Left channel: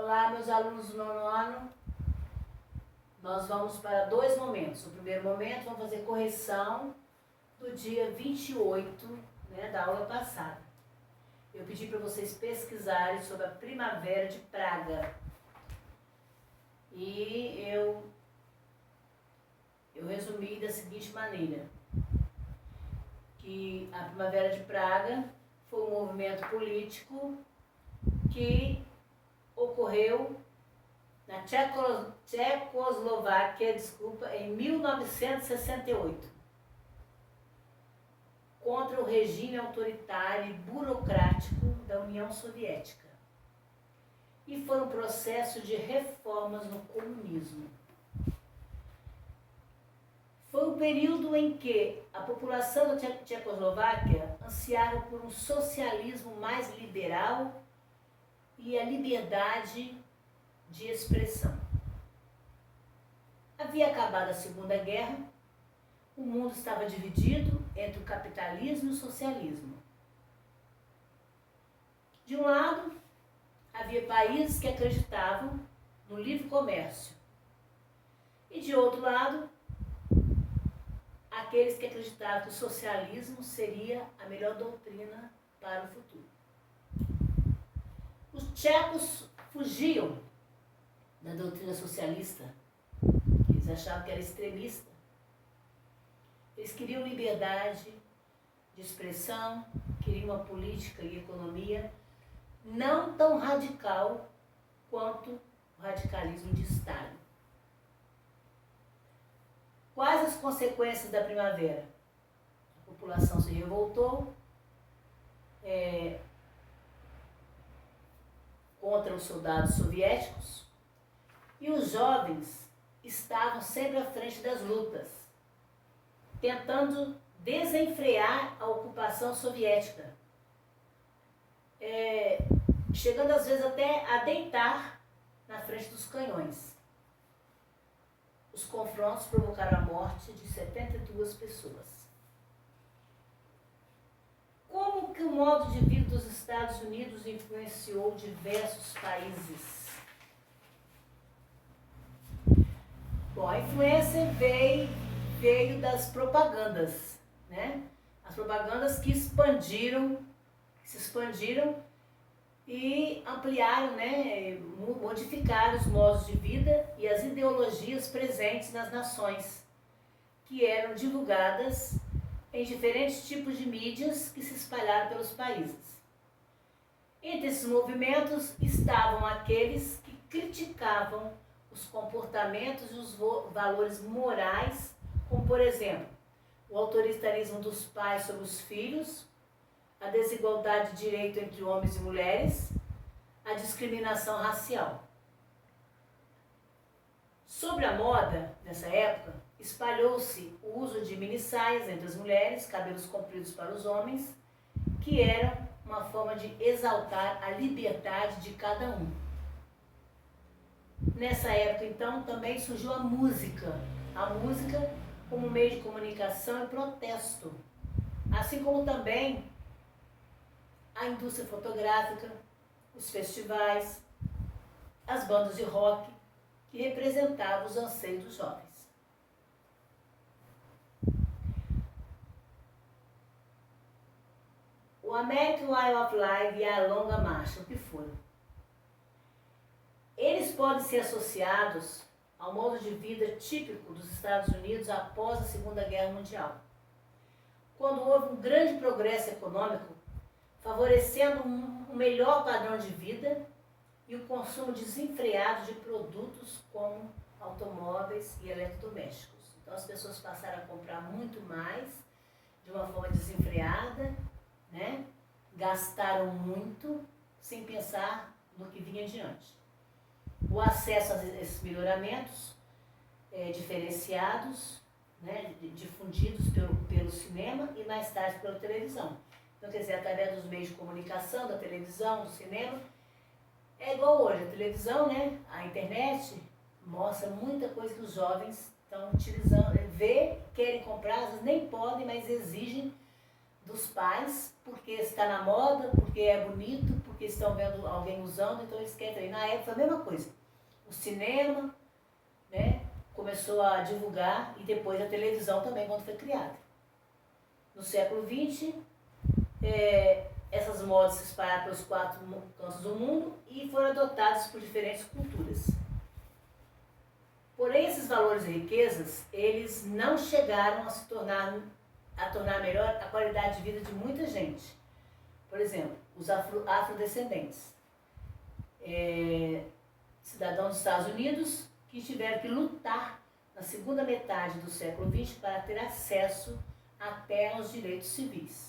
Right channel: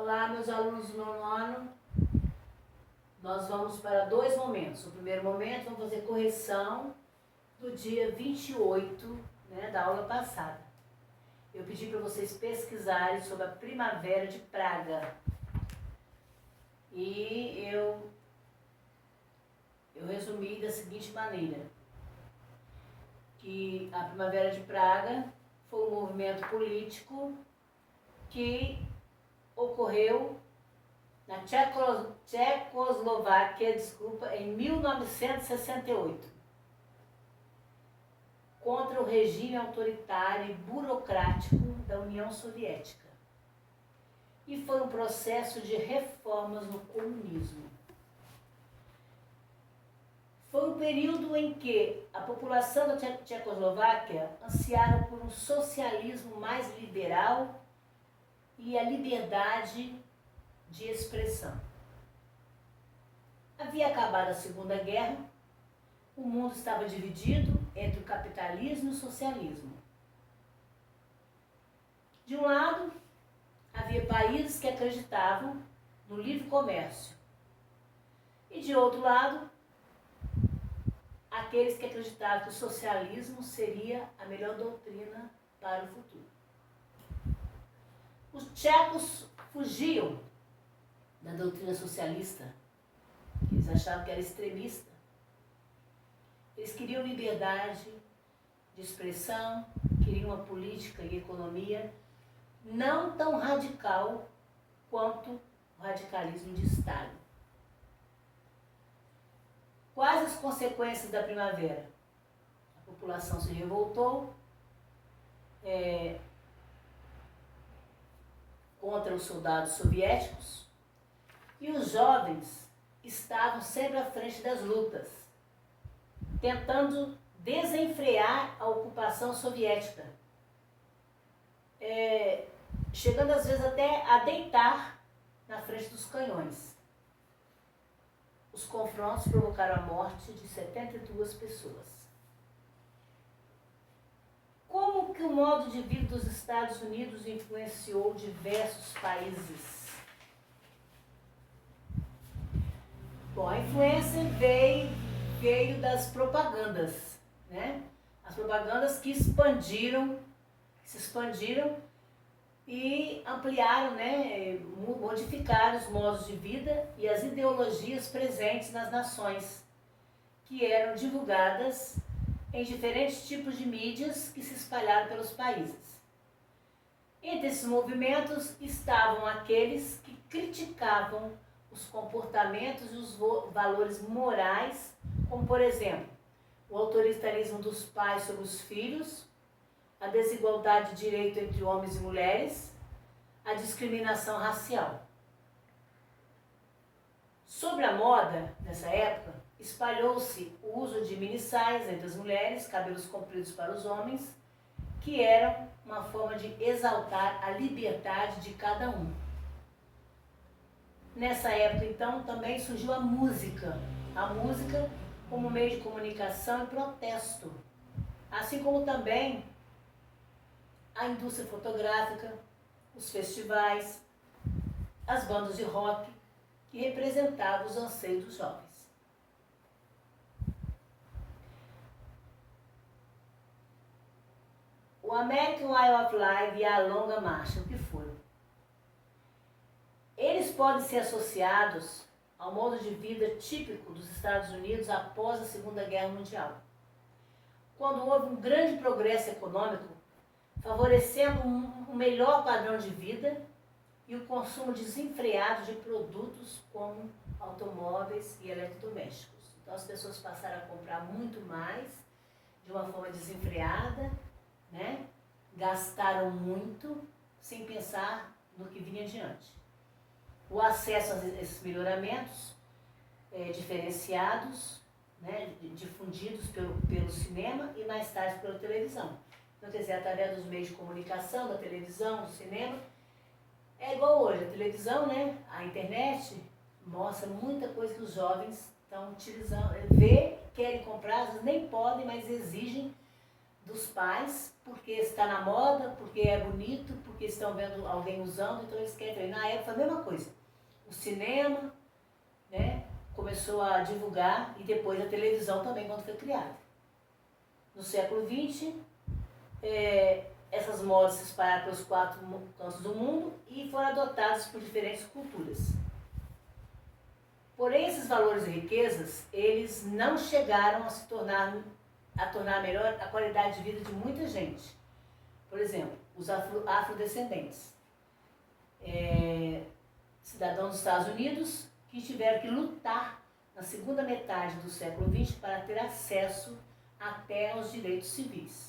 Olá, meus alunos do nono ano. Nós vamos para dois momentos. O primeiro momento, vamos fazer correção do dia 28, da aula passada. Eu pedi para vocês pesquisarem sobre a primavera de Praga. E eu resumi da seguinte maneira, que a primavera de Praga foi um movimento político que ocorreu na Tchecoslováquia, em 1968, contra o regime autoritário e burocrático da União Soviética. E foi um processo de reformas no comunismo. Foi um período em que a população da Tchecoslováquia ansiava por um socialismo mais liberal e a liberdade de expressão. Havia acabado a Segunda Guerra, o mundo estava dividido entre o capitalismo e o socialismo. De um lado, havia países que acreditavam no livre comércio. E de outro lado, aqueles que acreditavam que o socialismo seria a melhor doutrina para o futuro. Os tchecos fugiam da doutrina socialista, que eles achavam que era extremista. Eles queriam liberdade de expressão, queriam uma política e economia não tão radical quanto o radicalismo de Stalin. Quais as consequências da primavera? A população se revoltou contra os soldados soviéticos e os jovens estavam sempre à frente das lutas, tentando desenfrear a ocupação soviética, chegando às vezes até a deitar na frente dos canhões. Os confrontos provocaram a morte de 72 pessoas. Como que o modo de vida dos Estados Unidos influenciou diversos países? Bom, a influência veio das propagandas, As propagandas que se expandiram e ampliaram, modificaram os modos de vida e as ideologias presentes nas nações, que eram divulgadas em diferentes tipos de mídias que se espalharam pelos países. Entre esses movimentos estavam aqueles que criticavam os comportamentos e os valores morais, como, por exemplo, o autoritarismo dos pais sobre os filhos, a desigualdade de direito entre homens e mulheres, a discriminação racial. Sobre a moda, nessa época, espalhou-se o uso de minissaias entre as mulheres, cabelos compridos para os homens, que eram uma forma de exaltar a liberdade de cada um. Nessa época, então, também surgiu a música como meio de comunicação e protesto, assim como também a indústria fotográfica, os festivais, as bandas de rock, que representavam os anseios dos jovens. O American Way of Life e a Longa Marcha, o que foram? Eles podem ser associados ao modo de vida típico dos Estados Unidos após a Segunda Guerra Mundial, quando houve um grande progresso econômico, favorecendo um melhor padrão de vida e o consumo desenfreado de produtos como automóveis e eletrodomésticos. Então as pessoas passaram a comprar muito mais, de uma forma desenfreada, Gastaram muito, sem pensar no que vinha adiante. O acesso a esses melhoramentos diferenciados, difundidos pelo cinema e mais tarde pela televisão. Então, quer dizer, através dos meios de comunicação, da televisão, do cinema, é igual hoje, a televisão, a internet mostra muita coisa que os jovens estão utilizando, querem comprar, às vezes nem podem, mas exigem dos pais, porque está na moda, porque é bonito, porque estão vendo alguém usando, então eles querem também. Na época, a mesma coisa. O cinema, né, começou a divulgar, e depois a televisão também, quando foi criada. No século XX, essas modas se espalharam pelos 4 cantos do mundo e foram adotadas por diferentes culturas. Porém, esses valores e riquezas, eles não chegaram a tornar melhor a qualidade de vida de muita gente. Por exemplo, os afrodescendentes, cidadãos dos Estados Unidos, que tiveram que lutar na segunda metade do século XX para ter acesso até aos direitos civis.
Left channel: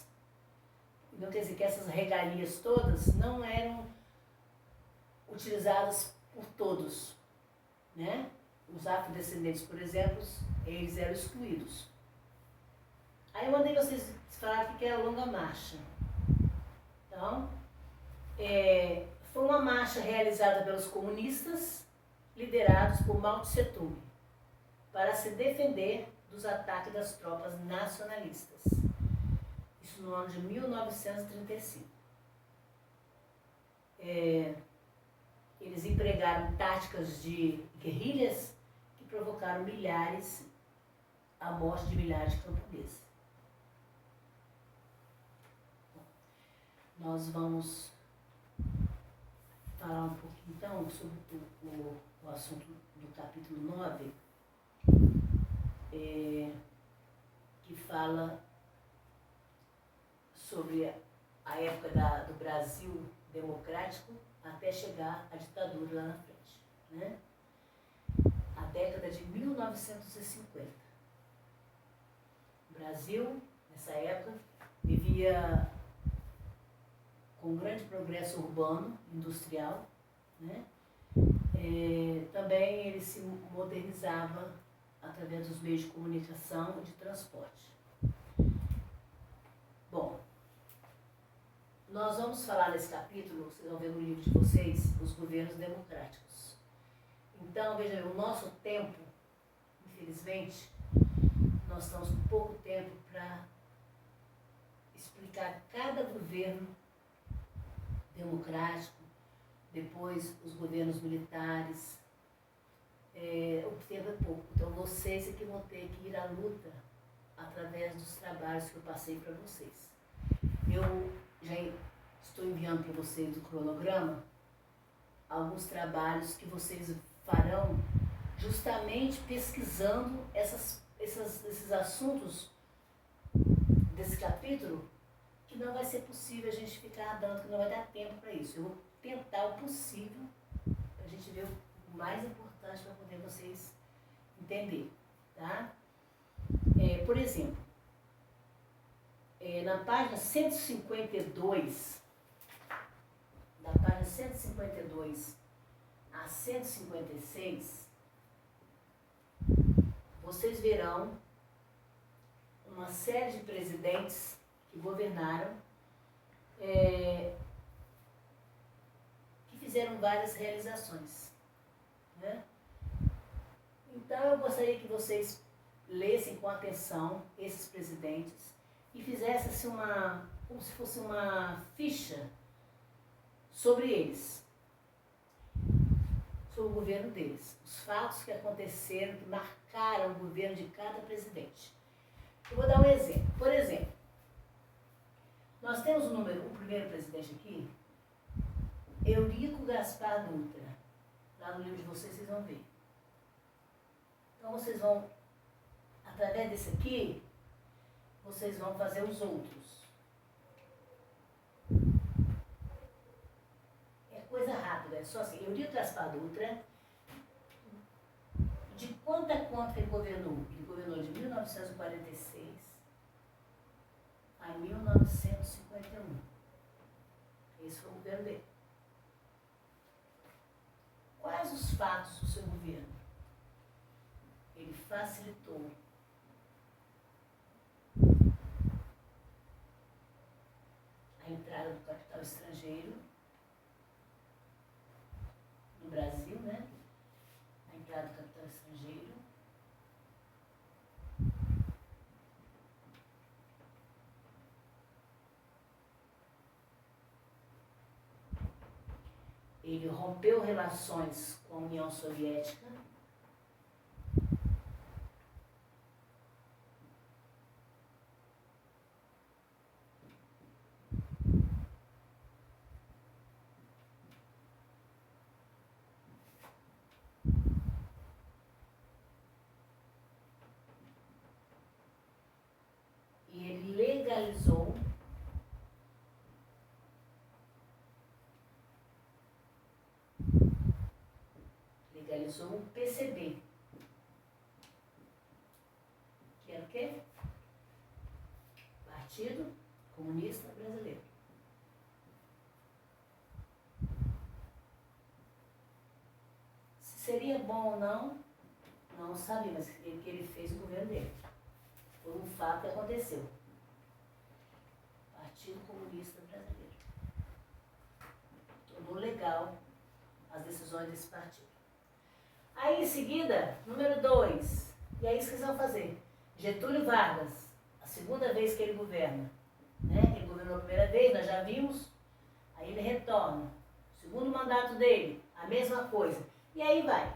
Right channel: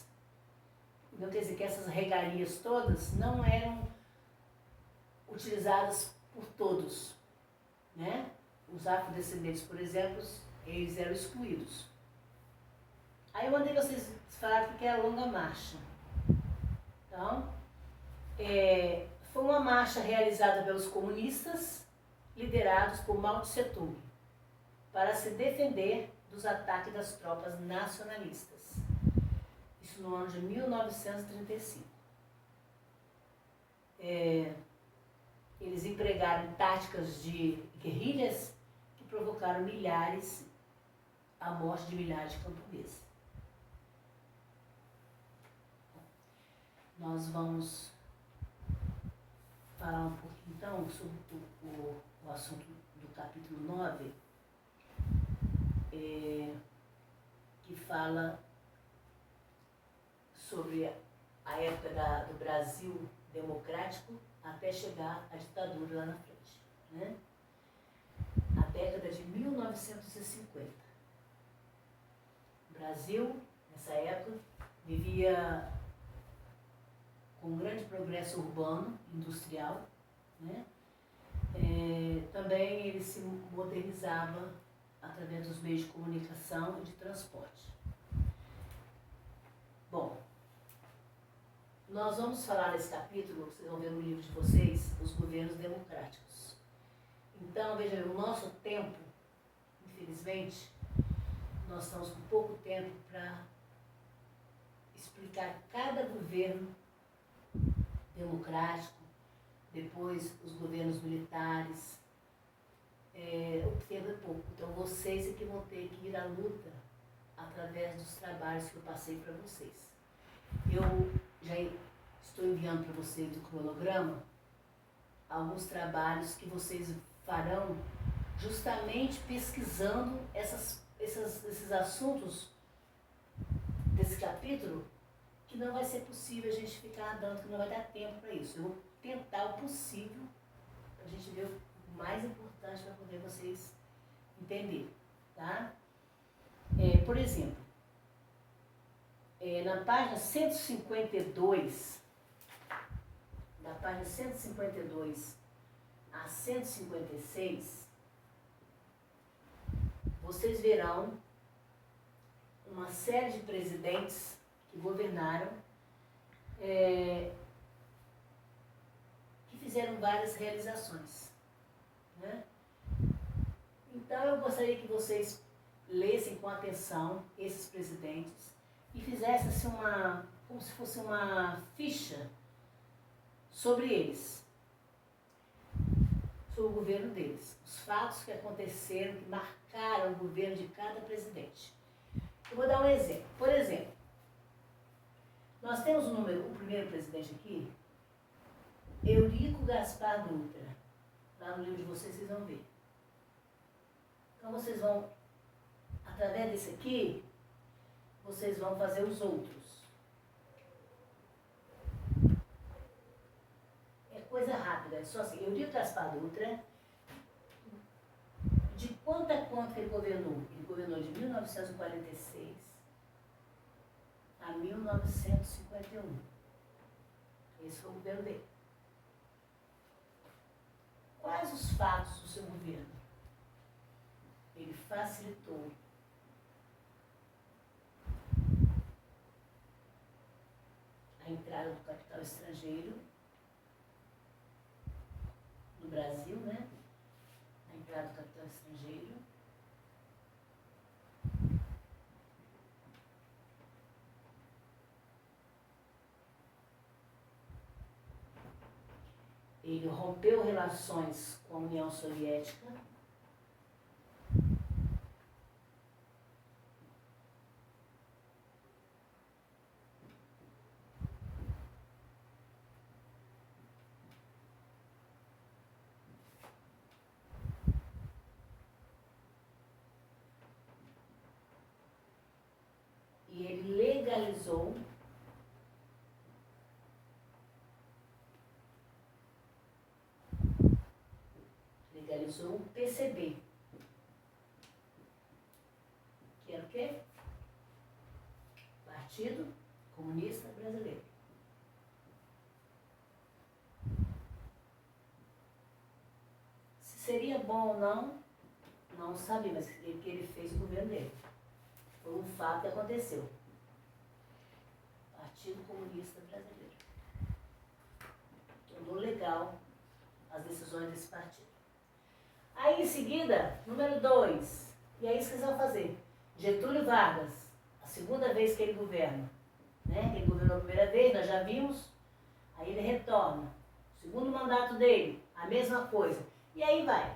Não quer dizer que essas regalias todas não eram utilizadas por todos, né? Os afrodescendentes, por exemplo, eles eram excluídos. Aí eu mandei vocês falar o que é a Longa Marcha. Então, foi uma marcha realizada pelos comunistas, liderados por Mao Tse Tung, para se defender dos ataques das tropas nacionalistas. Isso no ano de 1935. Eles empregaram táticas de guerrilhas que provocaram a morte de milhares de camponeses. Nós vamos falar um pouquinho então sobre o assunto do capítulo 9, que fala sobre a época do Brasil democrático até chegar à ditadura lá na frente, né? A década de 1950. O Brasil, nessa época, vivia com um grande progresso urbano, industrial, né? Também ele se modernizava através dos meios de comunicação e de transporte. Bom, nós vamos falar nesse capítulo, vocês vão ver no livro de vocês, os governos democráticos. Então, veja bem, o nosso tempo, infelizmente, nós estamos com pouco tempo para explicar cada governo democrático, depois os governos militares. O tempo é pouco. Então, vocês é que vão ter que ir à luta através dos trabalhos que eu passei para vocês. Eu já estou enviando para vocês do cronograma alguns trabalhos que vocês farão justamente pesquisando esses assuntos desse capítulo, que não vai ser possível a gente ficar dando, que não vai dar tempo para isso. Eu vou tentar o possível para a gente ver o mais importante para poder vocês entenderem, tá? Por exemplo, na página 152, da página 152 a 156, vocês verão uma série de presidentes que governaram, que fizeram várias realizações, né? Então eu gostaria que vocês lessem com atenção esses presidentes e fizessem assim como se fosse uma ficha sobre eles, sobre o governo deles, os fatos que aconteceram, que marcaram o governo de cada presidente. Eu vou dar um exemplo. Por exemplo, nós temos o primeiro presidente aqui, Eurico Gaspar Dutra. Lá no livro de vocês vão ver. Então vocês vão, através desse aqui, vocês vão fazer os outros. É coisa rápida, é só assim. Eurico Gaspar Dutra, de quanto a quanto ele governou? Ele governou de 1946 a 1951. Esse foi o governo dele. Quais os fatos do seu governo? Ele facilitou a entrada do capital estrangeiro no Brasil, né? A entrada do capital estrangeiro. ele rompeu relações com a União Soviética. E ele legalizou um PCB, que era o quê? Partido Comunista Brasileiro. Se seria bom ou não, não sabia, mas que ele fez o governo dele. Foi um fato que aconteceu. Partido Comunista Brasileiro. Tornou legal as decisões desse partido. Aí em seguida, número 2, e é isso que eles vão fazer. Getúlio Vargas, a segunda vez que ele governa, né? Ele governou a primeira vez, nós já vimos, aí ele retorna. Segundo mandato dele, a mesma coisa. E aí vai,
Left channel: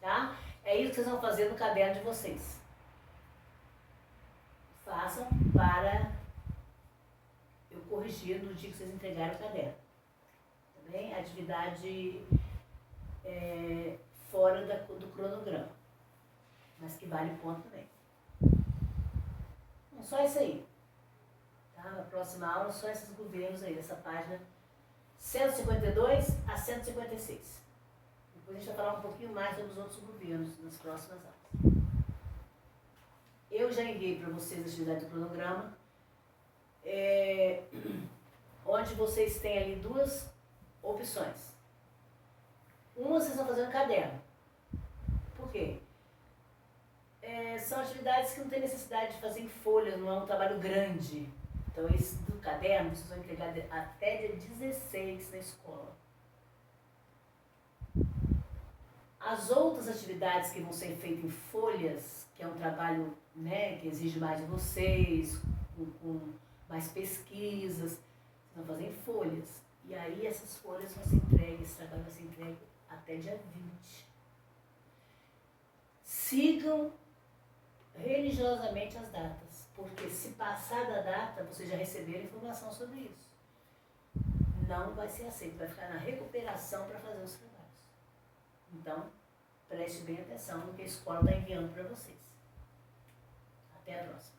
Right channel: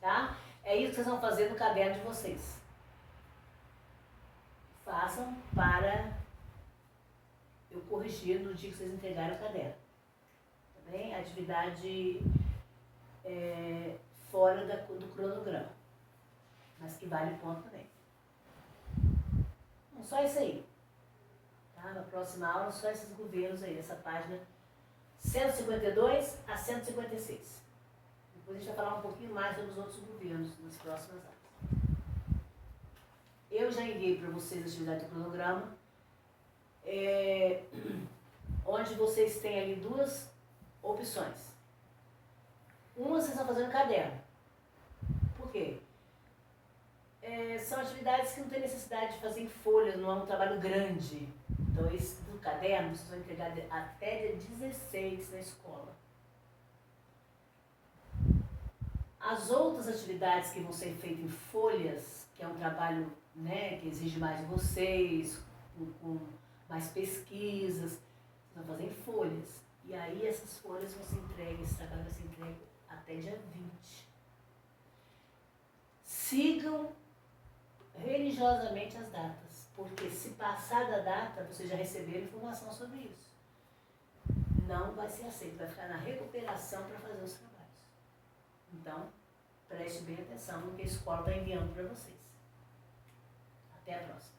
tá? É isso que vocês vão fazer no caderno de vocês. Façam para eu corrigir no dia que vocês entregarem o caderno. Tá bem? Atividade fora do cronograma, mas que vale ponto também. Não só isso aí. Tá? Na próxima aula, só esses governos aí, dessa página 152 a 156. Depois a gente vai falar um pouquinho mais sobre os outros governos nas próximas aulas. Eu já enviei para vocês a atividade do cronograma, onde vocês têm ali duas opções. Uma vocês vão fazer no caderno. Por quê? São atividades que não tem necessidade de fazer em folhas, não é um trabalho grande. Então esse do caderno vocês vão entregar até dia 16 na escola. As outras atividades que vão ser feitas em folhas, que é um trabalho, né, que exige mais de vocês, com mais pesquisas, vocês vão fazer em folhas. E aí essas folhas vão ser entregues, esse trabalho vai ser entregue até dia 20. Sigam religiosamente as datas, porque se passar da data, vocês já receberam informação sobre isso. Não vai ser aceito, vai ficar na recuperação para fazer os trabalhos. Então, preste bem atenção no que a escola está enviando para vocês. Até a próxima.